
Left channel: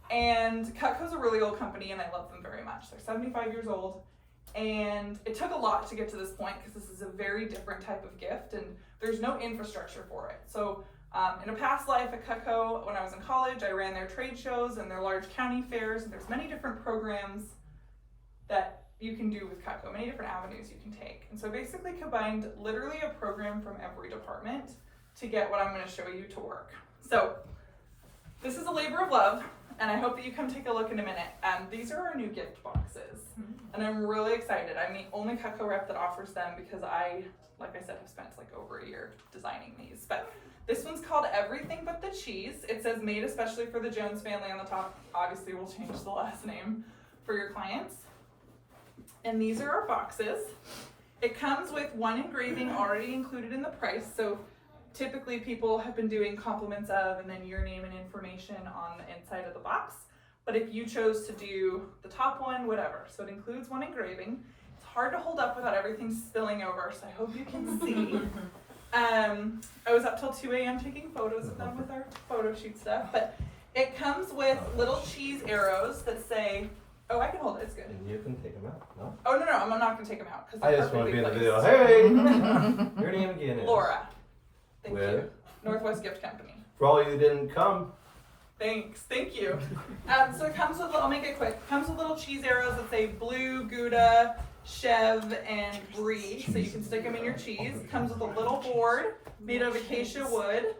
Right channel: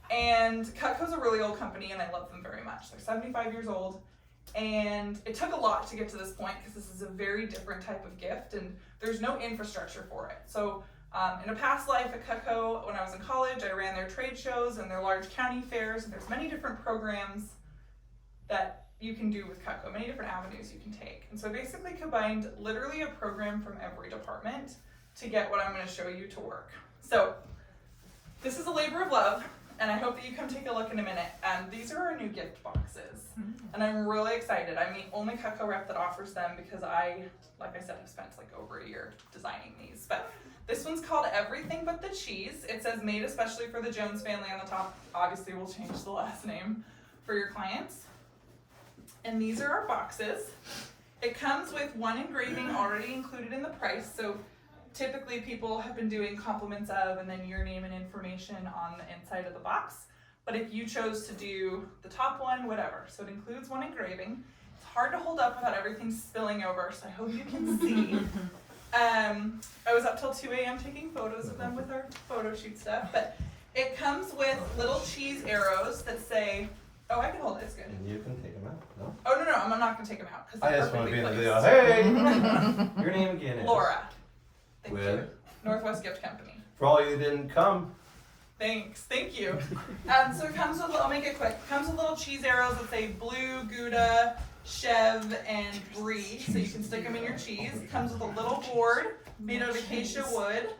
And Cutco's a really old company, and I love them very much. They're 75 years old, and it took a lot to get to this point because this is a very different type of gift, and there's no infrastructure for it. So in a past life at Cutco, when I was in college, I ran their trade shows and their large county fairs, and there's many different programs that you can do with Cutco, many different avenues you can take. And so I basically combined literally a program from every department to get what I'm going to show you to work. So this is a labor of love, and I hope that you come take a look in a minute. These are our new gift boxes, and I'm really excited. I'm the only Cutco rep that offers them because I, like I said, have spent like over a year designing these. But this one's called Everything But the Cheese. It says made especially for the Jones family on the top. Obviously, we'll change the last name for your clients. And these are our boxes. It comes with one engraving already included in the price. So typically people have been doing compliments of and then your name and information on the inside of the box. But if you chose to do the top one, whatever. So it includes one engraving. It's hard to hold up without everything spilling over, so I hope you can see. I was up till 2 a.m. taking photos of them with our photo shoot stuff. But it comes with little cheese arrows that say, oh, I can hold it, it's good. And you can take them out, no? Oh, no, I'm not gonna take them out. I just want to be in the video. placed. Hey! Your name again is? Laura. Thank With? you. Northwest Gift Company. For all you that didn't come. Thanks, thank you. So it comes with, I'll make it quick. It comes with little cheese arrows that say blue, Gouda, Chev, and Brie, so you can stick them in your cheese. It comes with a little board made out of acacia wood.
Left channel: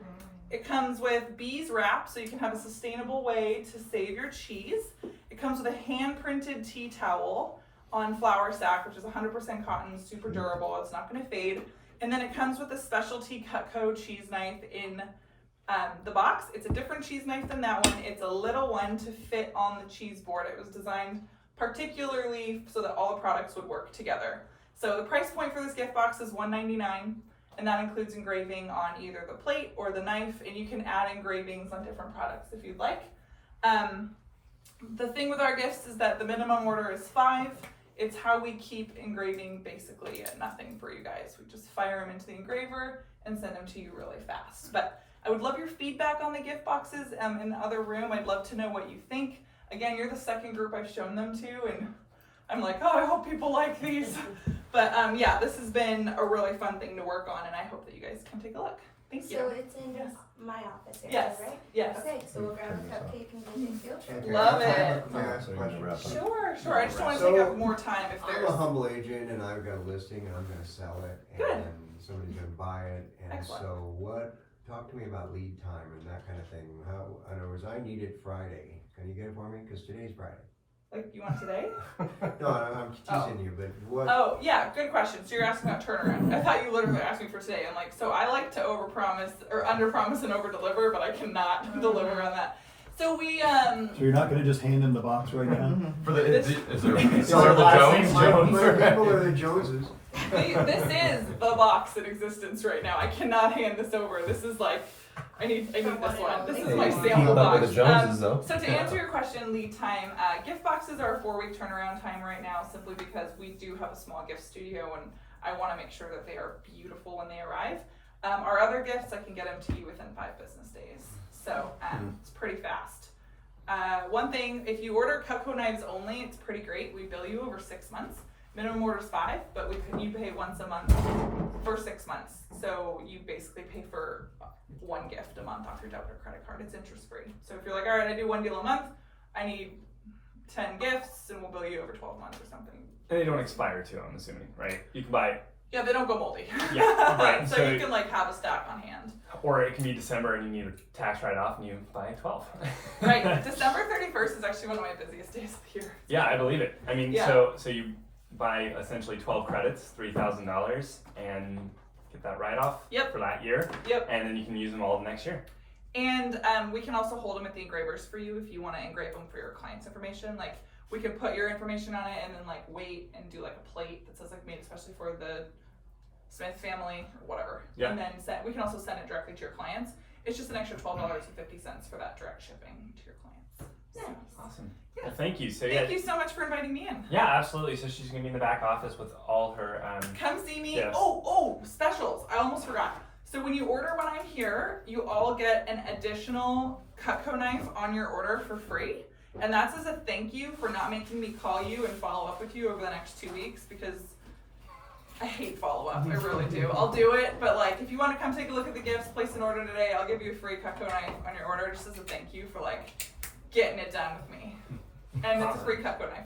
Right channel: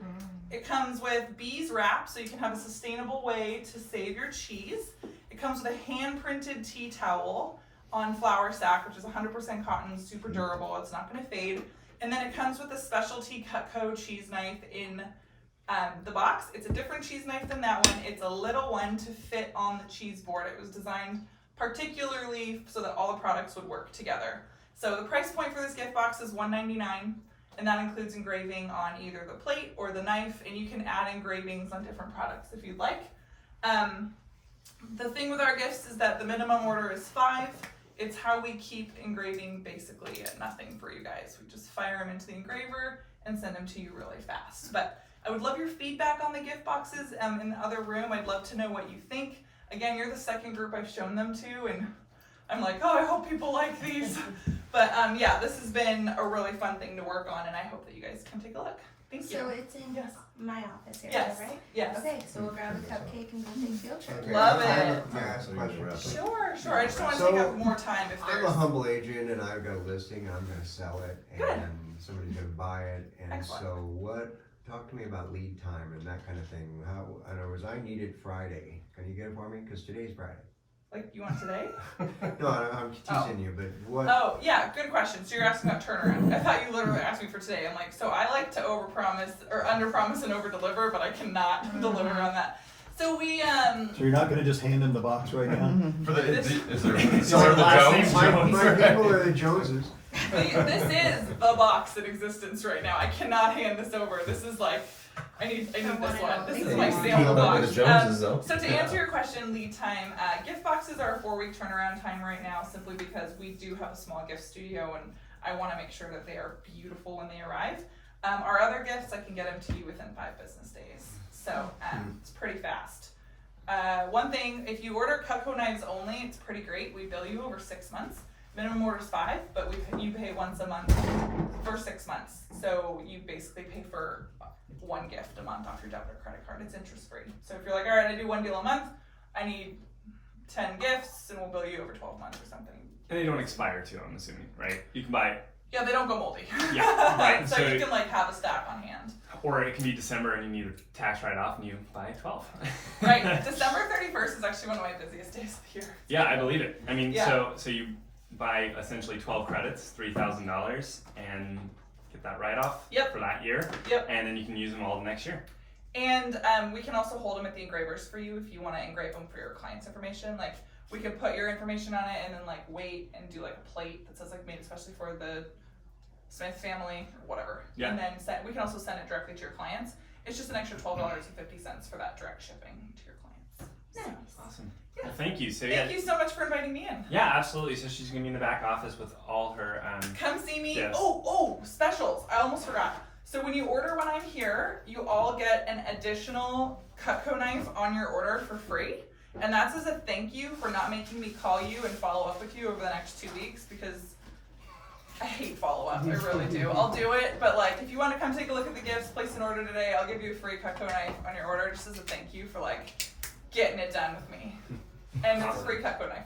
It comes with bees wrap, so you can have a sustainable way to save your cheese. It comes with a hand-printed tea towel on flour sack, which is 100% cotton, super durable, it's not gonna fade. And then it comes with a specialty Cutco cheese knife in the box. It's a different cheese knife than that one. It's a little one to fit on the cheese board. It was designed particularly so that all the products would work together. So the price point for this gift box is $1.99, and that includes engraving on either the plate or the knife, and you can add engravings on different products if you'd like. The thing with our gifts is that the minimum order is 5. It's how we keep engraving basically at nothing for you guys. We just fire them into the engraver and send them to you really fast. But I would love your feedback on the gift boxes in the other room. I'd love to know what you think. Again, you're the second group I've shown them to, and I'm like, oh, I hope people like these. But yeah, this has been a really fun thing to work on, and I hope that you guys come take a look. Thank you. So it's in Yes. my office area, Yes. right? Yes. Okay, so we'll grab a cupcake and go take a field trip. Okay, Love I'm- it. Can I ask a question? Sure. I just don't want to So, take up more time if I'm there's. a humble agent and I've got a listing and I'm gonna sell it Good. and somebody's gonna buy it. And Excellent. so talk to me about lead time and that kind of thing. How, in other words, I need it Friday. Can you get it for me? Cause today's Friday. Like, you want today? No, I'm teasing you, but what? Oh, yeah, good question. So you're asking about turnaround. I thought you literally asked me for today. I'm like, so I like to overpromise or underpromise and overdeliver, but I cannot deliver on that. So we So you're not gonna just hand him the box right now? For the, This- is there the last Jones? name Jones? My people are the Joneses. this is the box in existence right now. I cannot hand this over. This is like, I need this one. This is my sample box. So to answer your question, lead time, gift boxes are a 4-week turnaround time right now, simply because we do have a small gift studio and I want to make sure that they are beautiful when they arrive. Our other gifts, I can get them to you within 5 business days. So it's pretty fast. One thing, if you order Cutco knives only, it's pretty great. We bill you over 6 months. Minimum order is 5, but you pay once a month for 6 months. So you basically pay for 1 gift a month off your debit or credit card. It's interest free. So if you're like, all right, I do 1 deal a month, I need 10 gifts, and we'll bill you over 12 months or something. And they don't expire too, I'm assuming, right? You can buy Yeah, they don't go moldy. Yeah, right. So you can like have a stack on hand. Or it can be December and you need a tax write-off and you buy 12. Right. December 31st is actually one of my busiest days of the year. Yeah, I believe it. I mean, Yeah. so you buy essentially 12 credits, $3,000, and get that write-off Yep. for that year. Yep. And then you can use them all the next year. And we can also hold them at the engravers for you if you want to engrave them for your client's information. Like we can put your information on it and then like wait and do like a plate that says like made especially for the Smith family or whatever. Yeah. And then we can also send it directly to your clients. It's just an extra $12.50 for that direct shipping to your clients. Nice. Awesome. Yeah. Well, thank you. So Thank you so much for inviting me in. Yeah, absolutely. So she's gonna be in the back office with all her. Come see me. Yes. Oh, specials. I almost forgot. So when you order when I'm here, you all get an additional Cutco knife on your order for free. And that's as a thank you for not making me call you and follow up with you over the next 2 weeks because I hate follow up. I really do. I'll do it, but like if you want to come take a look at the gifts, place an order today, I'll give you a free Cutco knife on your order just as a thank you for like getting it done with me. And it's a free Cutco knife.